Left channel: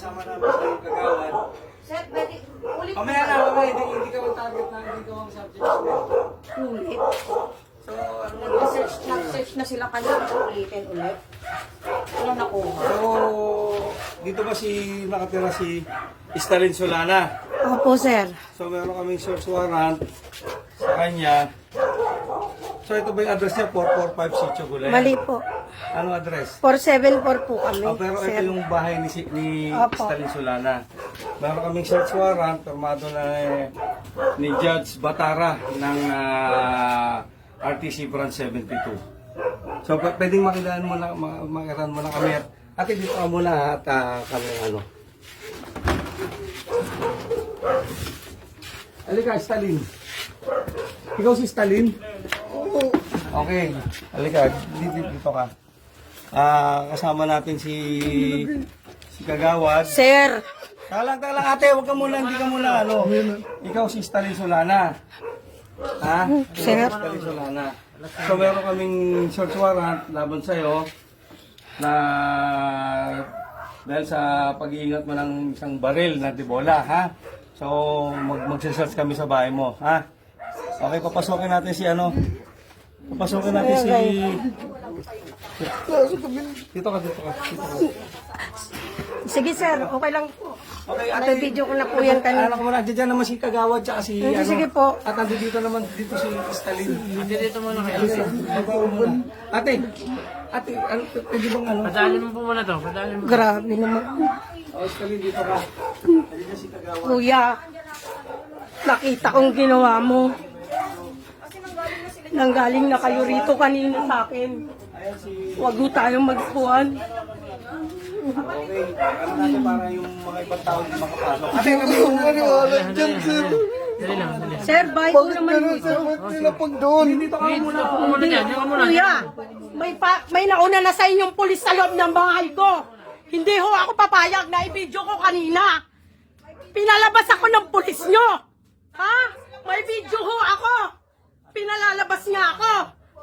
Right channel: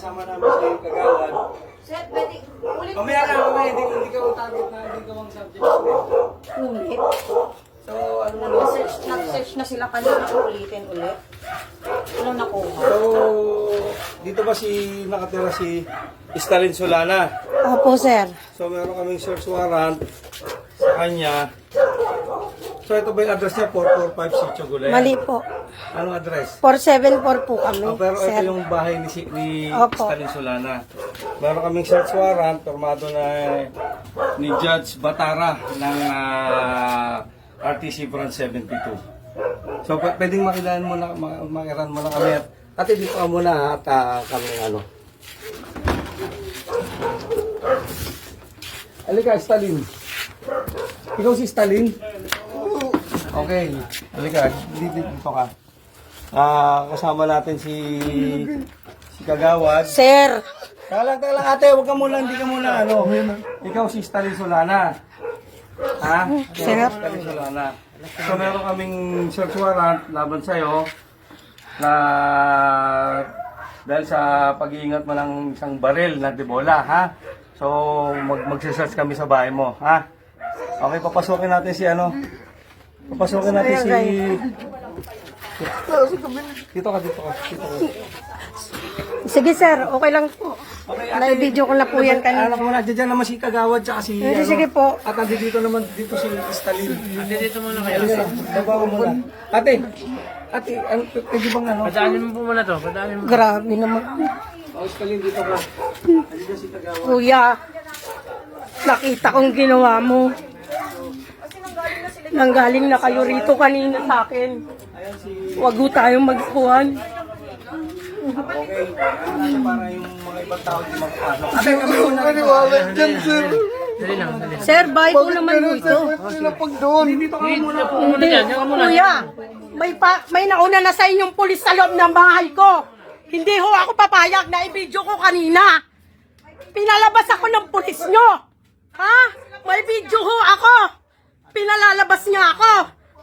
kasama namin si Kagawad. Sir, pwede ulit. Mamaya ka, hindi ka ang target na, hindi ka ang subject. Ulit. So, ano na, Nag-search na sila kanina. Ulitin ulit. Ano nakuha? So, dito ba nakatira si Stalin Solana? Opo, sir. So, meron kaming search warrant sa kanya. So, ito ba yung address niya? 445 Sitio Gulay? Mali po. Anong address? 474 po kami, Pero sir. ito yung bahay ni Opo. Stalin Solana. Meron kaming search warrant, formado na ni Judge Batara ng RTC Branch 72. So, pwedeng makilaan mo na, makiran mo na kami. At dito ka muna at kami ano. Halika, Stalin. Ikaw si Stalin? Okay. Halika, dito ka. Kasama natin si Kagawad. Sir, Talang ate, huwag ka muna, hindi ka muna ano. Ikaw si Stalin Solana. Ha? Sir. Ikaw si Stalin Solana. So meron kaming search warrant laban sa'yo na dahil sa pag-iingat mo ng isang baril na debola, ha? So magse-search kami sa bahay mo, ha? Okay, papasokin natin si ano. Papasokin natin si... Dito ka. sige sir, okay lang po. Okay, Na-video ko na po yan kanina. Anak mo na, dyan naman si Kagawad tsaka si... Sige, sige po. At nandito naman dito si Stalin. Ate, dito muna kayo. Babaw mo na. Ate, pwede bang ano? Padalin mo po muna to. Padalin mo. Grabe naman. O, Stalin, dito ka. Dito si Kagawad. Kuya, nakita kong ginawa mo. Nanggaling na kayo rito kanina sa akin. Ayan si... Huwag mo tayong magkuhan. Okay, ano natin para yung mga ibang tao di makapasok. Ate, Maniwala dyan, sir. Dali lang, dali. Sir, bye ko naman dito. Ba't pinapag doon? dito ka muna. Hindi, kuya. May nauna na sa inyong pulis sa loob ng bahay ko. Hindi ho ako papayag na i-video ko kanina. Pinalabas ako ng pulis nyo. Ha? May video ho ako. Pinalalabas niya ako.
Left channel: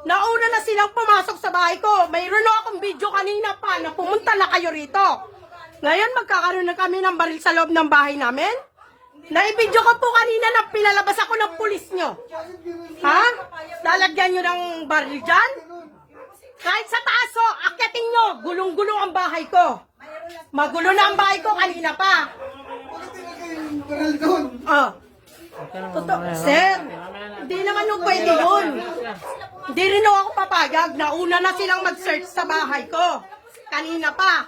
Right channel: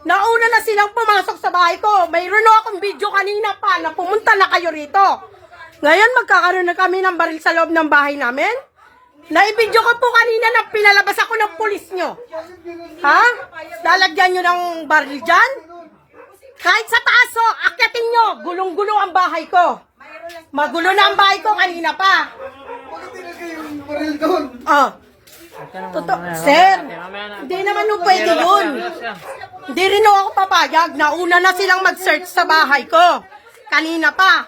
Nauna na silang pumasok sa bahay ko. Mayroon ho akong video kanina pa na pumunta na kayo rito. Ngayon magkakaroon na kami ng baril sa loob ng bahay namin. Naibidyo ko po kanina na pinalabas ako ng pulis nyo. Ha? Lalagyan nyo ng baril dyan? Kahit sa taas ho, akyatin nyo. Gulong-gulo ang bahay ko. Magulo na ang bahay ko kanina pa. Bakit tinagay yung baril doon? Oh. Totoo. Sir, hindi naman ho pwede yun. Hindi rin ho ako papayag. Nauna na silang mag-search sa bahay ko. Kanina pa.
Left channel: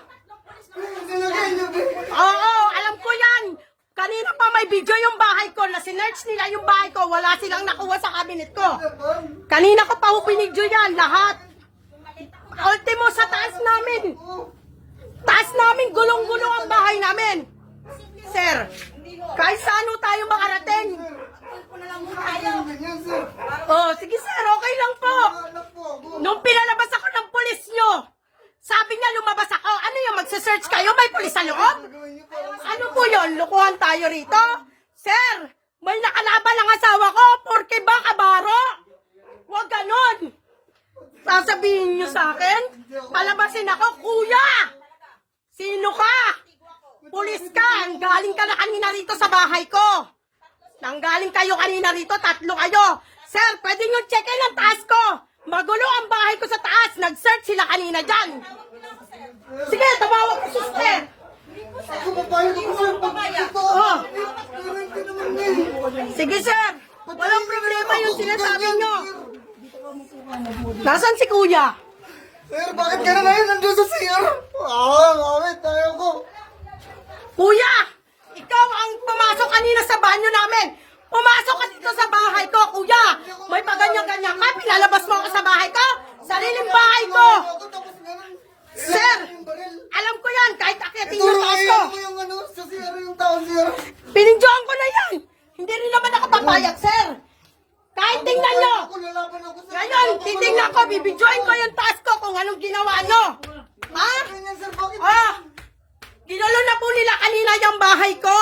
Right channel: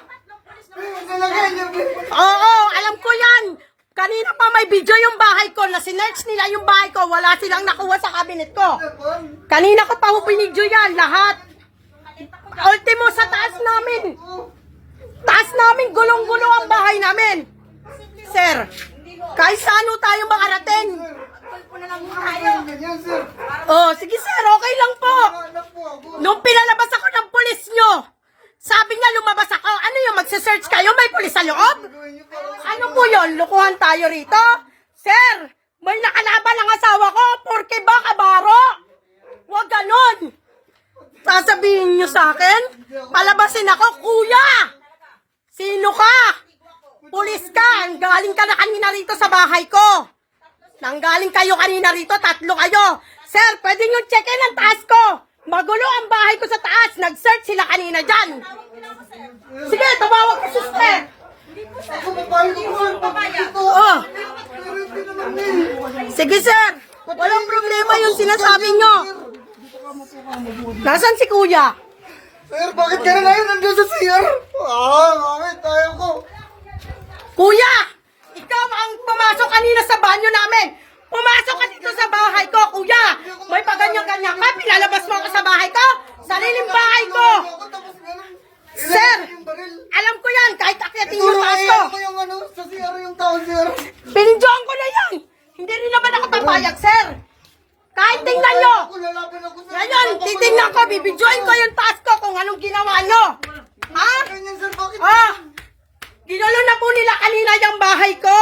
Nalagay niyo. Oo, alam ko yan. Kanina pa may video yung bahay ko na sinerch nila yung bahay ko. Wala silang nakuha sa cabinet ko. Kanina ko pa ho binidyo yan, lahat. Ultimo sa taas namin. Taas namin, gulong-gulo ang bahay namin. Sir, kahit saan ho tayo makarating. Ganyan, sir. Oh, sige sir, okay lang po. Anak po ako. Nung pinalabas ako ng pulis nyo, sabi niya lumabas ako. Ano yung magse-search kayo? May pulis sa loob? Ano po yun? Lukuhan tayo rito? Sir, may nakalaban ang asawa ko porque ba kabaro? Huwag ganon. Sasabihin niyo sa akin, palabasin ako, kuya. Sino ka? Pulis ka. Galing ka na kanina rito sa bahay ko. Nanggaling kayo kanina rito, 3 kayo. Sir, pwede nyo checkin ang taas ko. Magulo ang bahay ko sa taas. Nag-search sila kanina dyan. Sige, tumawag ka sister. Ako papayag ko. Dito. Oh. Pero hindi naman eh. Sige sir, walang problema yung sinasabi nyo. Nasaan si kuya? Sir, bakit ka na ngayon nandiyan sa CR? Bakit? Ayaw ko. Kuya, ikaw ang pumasok kanina sa banyo namin. Pumasok ka dito sa bahay ko, kuya. May paganyan-ganyan ka, pinalabas mo ako sa bahay ko. Sariling bahay ko. Ako tapos ganun. Sir, Yung baril. alam ko yan, kahit akyatin Ito yung na taas ko. mo yung ano, sa CR yung tao, sir. Pinindyoan ko na yan. Hindi rin naman ako papayag, sir. Kahit tingnan nyo. Ako lalaban ako, sir. Ngayon, titingnan ko, bibidyoin ko yung taas ko kung anong ginawa nyo. Ha? Ganyan, sir, bakit? Ah! Ginulo na po nila kanina yung bahay ko.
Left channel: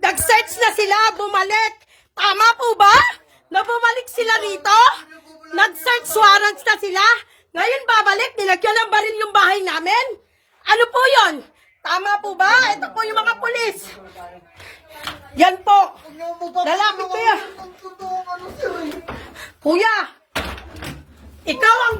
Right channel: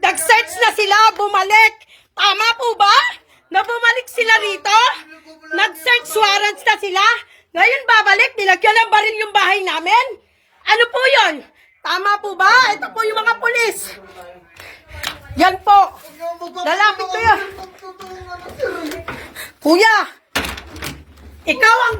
Nag-search na sila, bumalik. Tama po ba? Na bumalik sila rito? Nag-search warrants na sila? Ngayon babalik, nilagyan ng baril yung bahay namin? Ano po yon? Tama po ba? Ito po yung mga pulis. Yan po. Lalapit ko yan. Magtutulungan ako, sir. Kuya, ikaw ang